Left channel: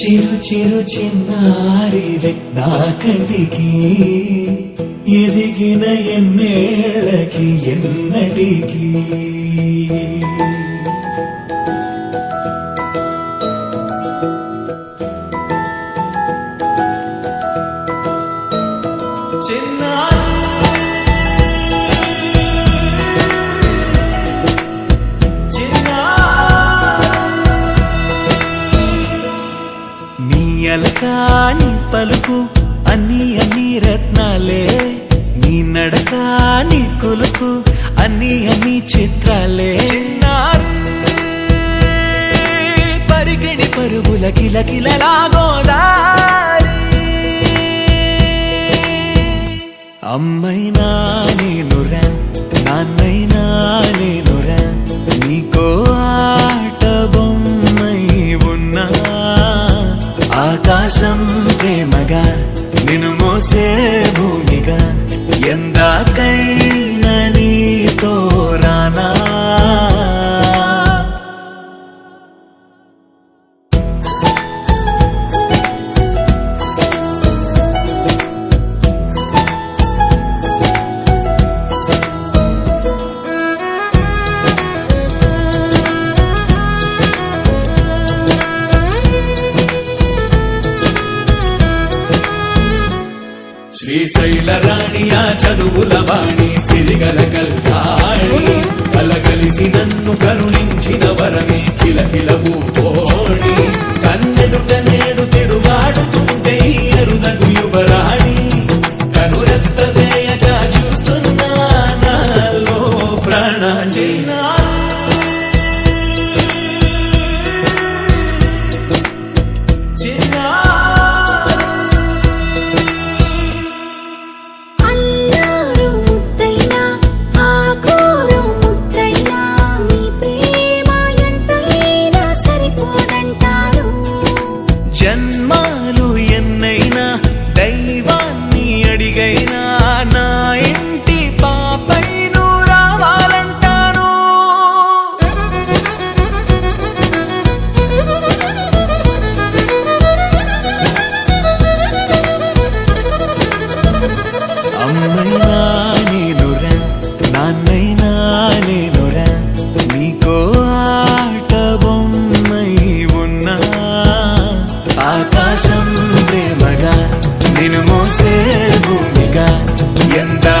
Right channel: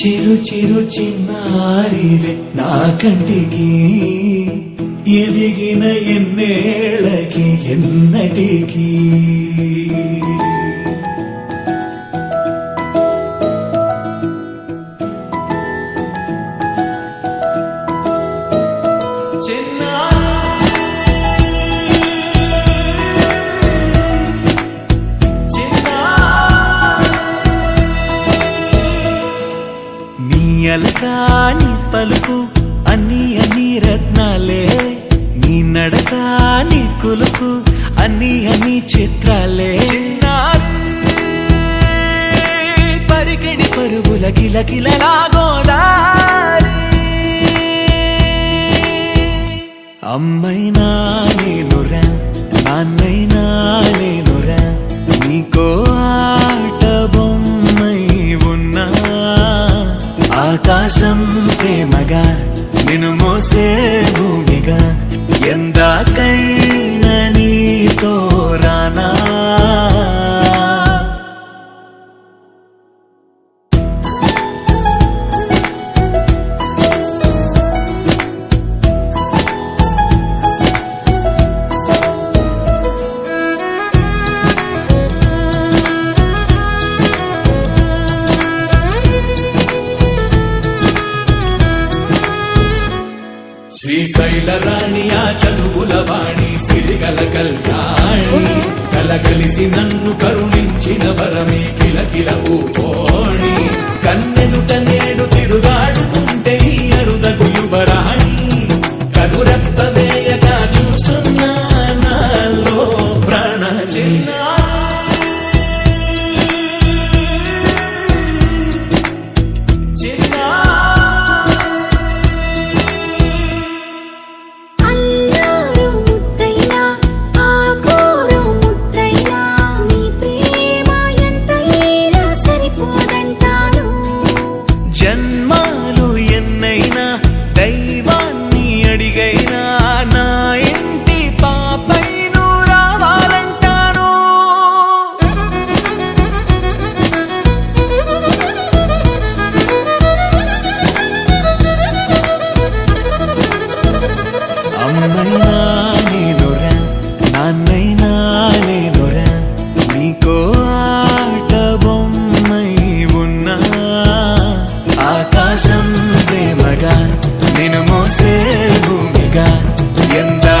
చిరు చిరు చిన్నారివే నా కంటికి ఎదిగిన ఎన్నేళ్ళకి ఎన్నటికి అలకాని పలుకు అన్ని అన్ని రత్నాలే నీ నడకాని కులుకు అన్ని అన్ని చిత్రాలే చిన్నారు పరికిణి పరుగుల కిలకిలలాగోదారి అమ్మైనా నేనురా నాన్నైనా నేనురా నీకో ఆట బొమ్మై ఉన్నా ఆకాశం ప్రేమగా నిన్ను మోసే భూమిగా ఎందాకైనా నీతో రానా శ్రీశైల రాణి ఆ చదువుల వాణి సిరిగల కళ్యాణి కలగలిసి నన్ను కరుణించిన వరమే కిలకిల పూకోణి కన్నెదుట నేడు తిరుగాడుతుంటే అరుదకు యువరాణి కనురెప్ప వేయక చూస్తున్నా నాలో ప్రాణ జన్మాలు ఎన్నైనా దైవాన్ని అడిగైనా నా ఇంటి పాపై నువ్వు రావాలంటాను అమ్మైనా నేనురా నాన్నైనా నేనురా నీకో ఆట బొమ్మై ఉన్నా ఆకాశం ప్రేమగా నిన్ను మోసే భూమిగా ఎందా